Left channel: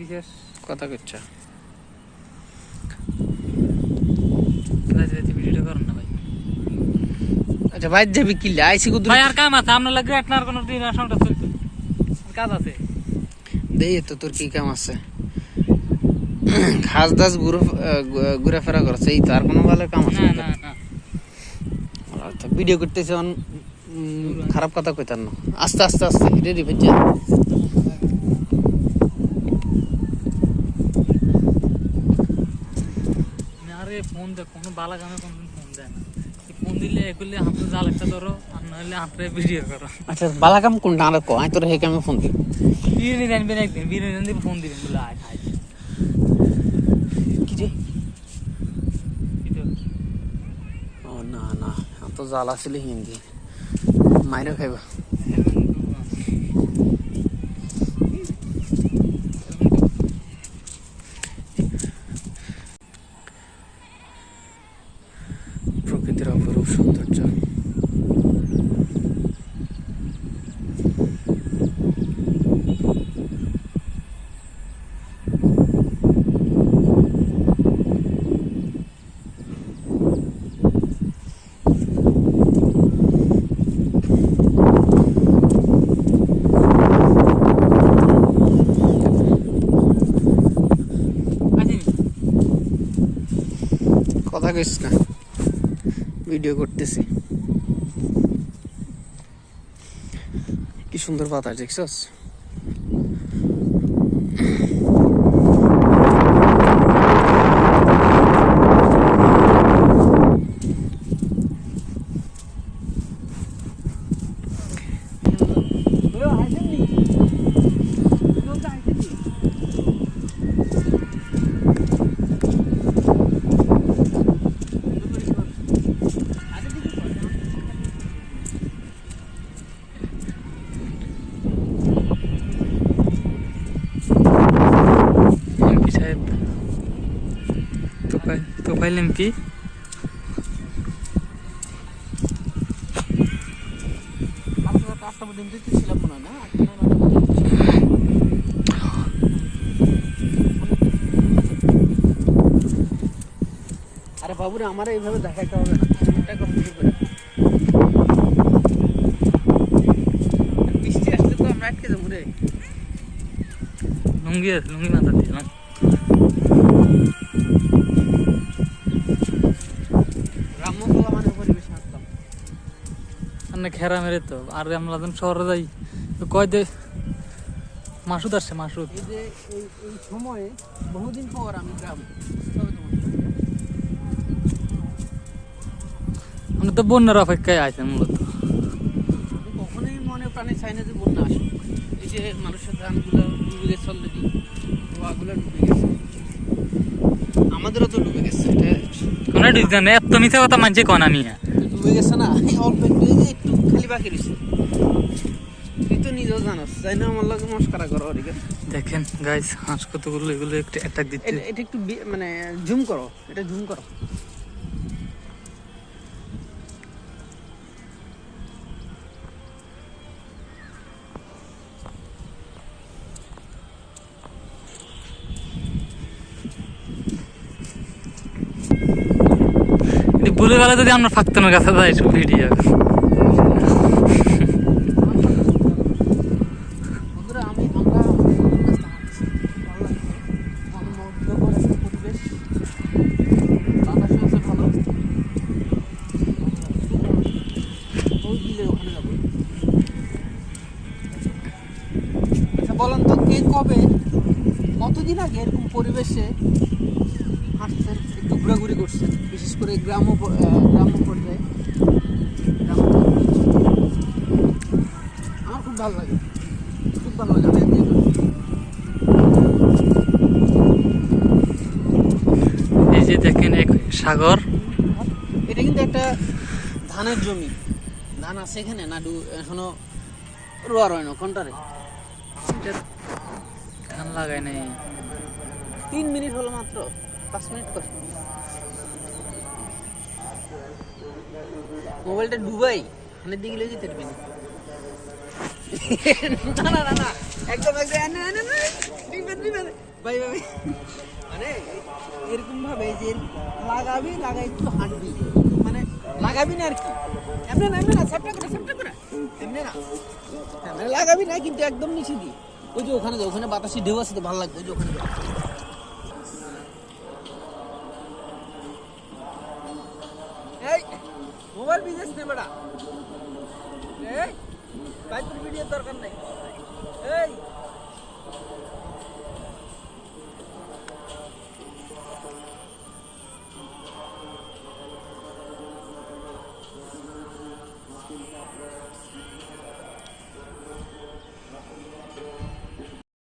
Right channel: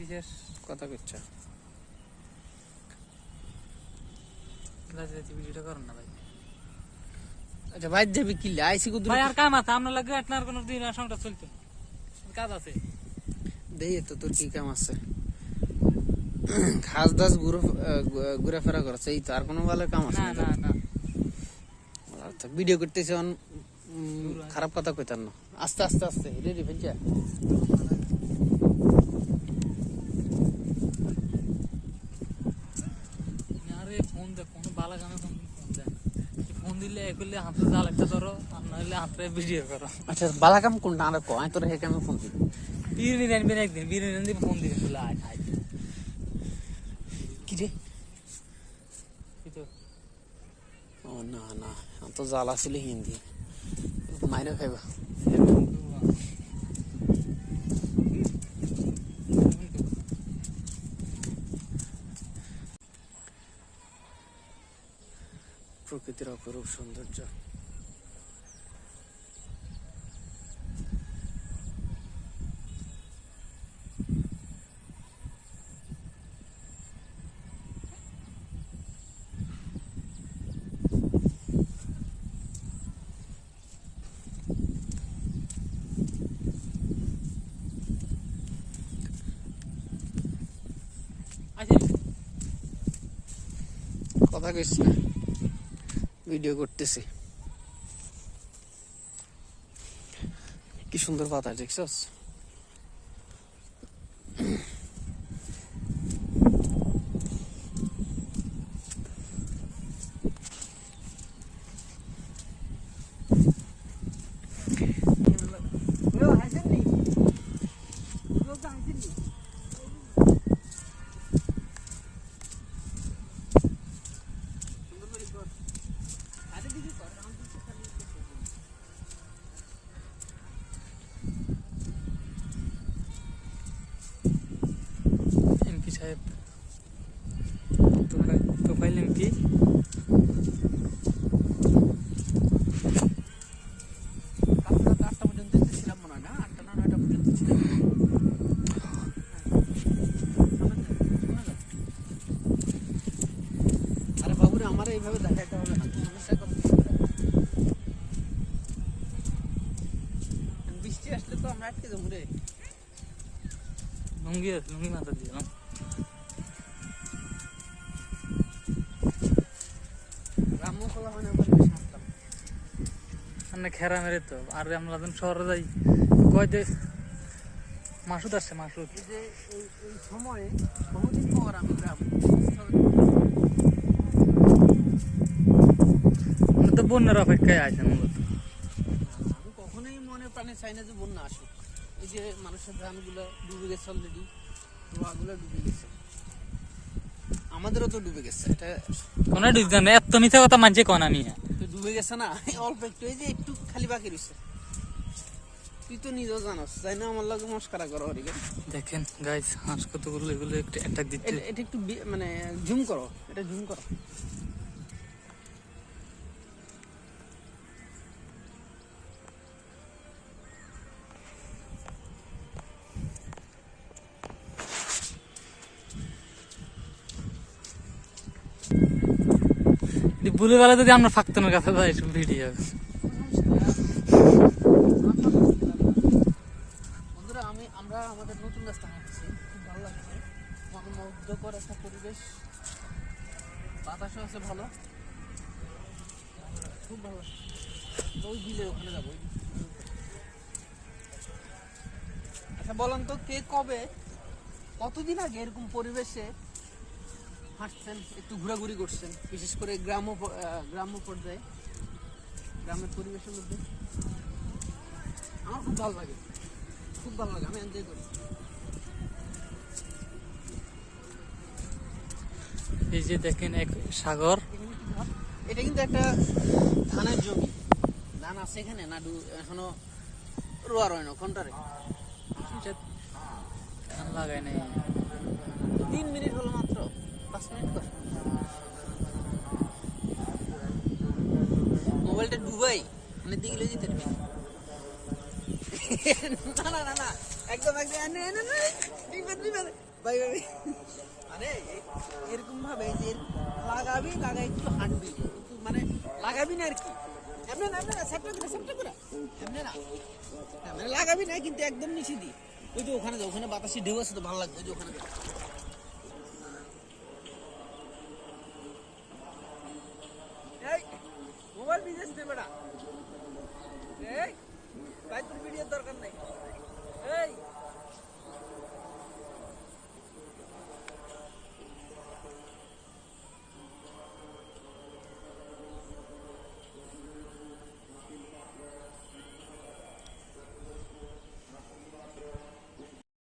বিশেষ কথা কইছা ভিডিও করুন না ভাই। আচ্ছা ভাই যাবি কি আইসি কুদুর ভাই আর কাম আছে আপনার লাগে আপনার কোনো দিন সংটা চলতো কাজ আছে দেই তো তোর কি কাম আছে খাস দাস ঘুরে ফেরা করছে এই তো আর কোনো ভালো কাম আছে না না না না আচ্ছা ভিডিও করতেছ খারাপ কথা কইতার না আস্তে আস্তে আস্তে রেডি হয়ে যা আরে ফোন দে কোনো বালা গানে ফোন দেন ফোন দিলে এগুলি আপনি জাল একটা ধরো আর নাহলে আপনি ভিডিও করো। আচ্ছা বালা কাম কোনটা আর কো আই তোর হে কামে ফোন দিই বিরিয়ানি জানবেন একদিন বিরিয়ানি দিয়ে ফোন দিবেন বলে আয় খাই কি রে ও না না তো জাল আছিল হিন্দি মাইরা খাইবা প্রকৃতির অপরূপ সৌন্দর্য কথা কইস না ভিডিও করতেছি কি সুন্দর বাতাস দেখছস সাহেব তো পাইলেন কি আরে বাবুরে আমার এইভাবে দেখাইতে হবে না বৃষ্টি আসলে তো আমরা আটকে যাবো রে লুঙ্গি আছে লুঙ্গি মাথা দিলাম গ্রাম্যসভা মানে পরিবেশ আসতাম আর খেরা মেরে তো আর আমরা যখন শহরে যাই কয় দে মাসুদ আসছে মাসুদ এই যে এই সময়ে বহুদিন পর আমি গ্রাম আমরা তো বন্যার অপেক্ষায় আছে মূলত আমি কখনোই মনে প্রাণে চাই না যে বন্যা আসুক এই যে মানুষের ধানগুলো ডুবে গেছে অলরেডি ওগুলো ডুবে গেছে আমাদেরও তো ডুবে গেছে এটা কোনো ডিসগান এত মিথ্যা কথা মানছে কোন আমি ডুবে গেছে না অল্প একটু এই যে একটু খালি বাকি রয়েছে তুই তো নিজেও জানোস তাই না আমার লাগে মস্কারা করো ওদিকে দেখেন গাইস হাঁস কতগুলো এগুলো একটু অ্যাটাক দিচ্ছে এটা একটু মানে জুম করো এটা জুম করো বলে বেলা যদি আমরা ফাঁকতানোর কাছে যাই সব ভিডিও বন্ধুরা আমরা আমাদের নতুন রাস্তা হাঁটছি ভালো লাগছে মনোমুগ্ধকর একটা পরিবেশ বাতাসও আছে ভালো ওই বিলে ওখানে যাবো আচ্ছা বলেন তো কে কবে কতদিন আগে এরকম পরিবেশে হাঁটছেন একটু ঘোরাঘুরি করছেন বিশেষ করে গ্রাম্য পর্যায়ে আমার খুব ভালো লাগে আমি এনজয় করি এই যে দেখেন এক সাগর এটা কিন্তু একটা ধানের জমি ধান আছে এখানে না এখনো রোয়া রয় না কোনটারে ধান লাগাই নাই 3 মিনিট হলো মাত্র 5 মিনিট কর মোবাইলটা ডুবাই হানের দিকে লেগে যেতে পারবি না না একদম ভাই ভাই মানে এরকম ভাবে যে লাগাবি লাগাই একটু হাঁটবি মানে লাগাবি না আর কি এমনি না সাপটা করে এমনি না হ্যাঁ মানে লাগাবি না কিন্তু একদম নিচে দি ওই যে ওখানে ওখানে বাতাসে ঢেউ আছে তো ভালো লাগবে ওই যে ওখানে এই মোবাইল বিজনেস নে বেটা এই বাইকের ভিডিও দরকার নাই এই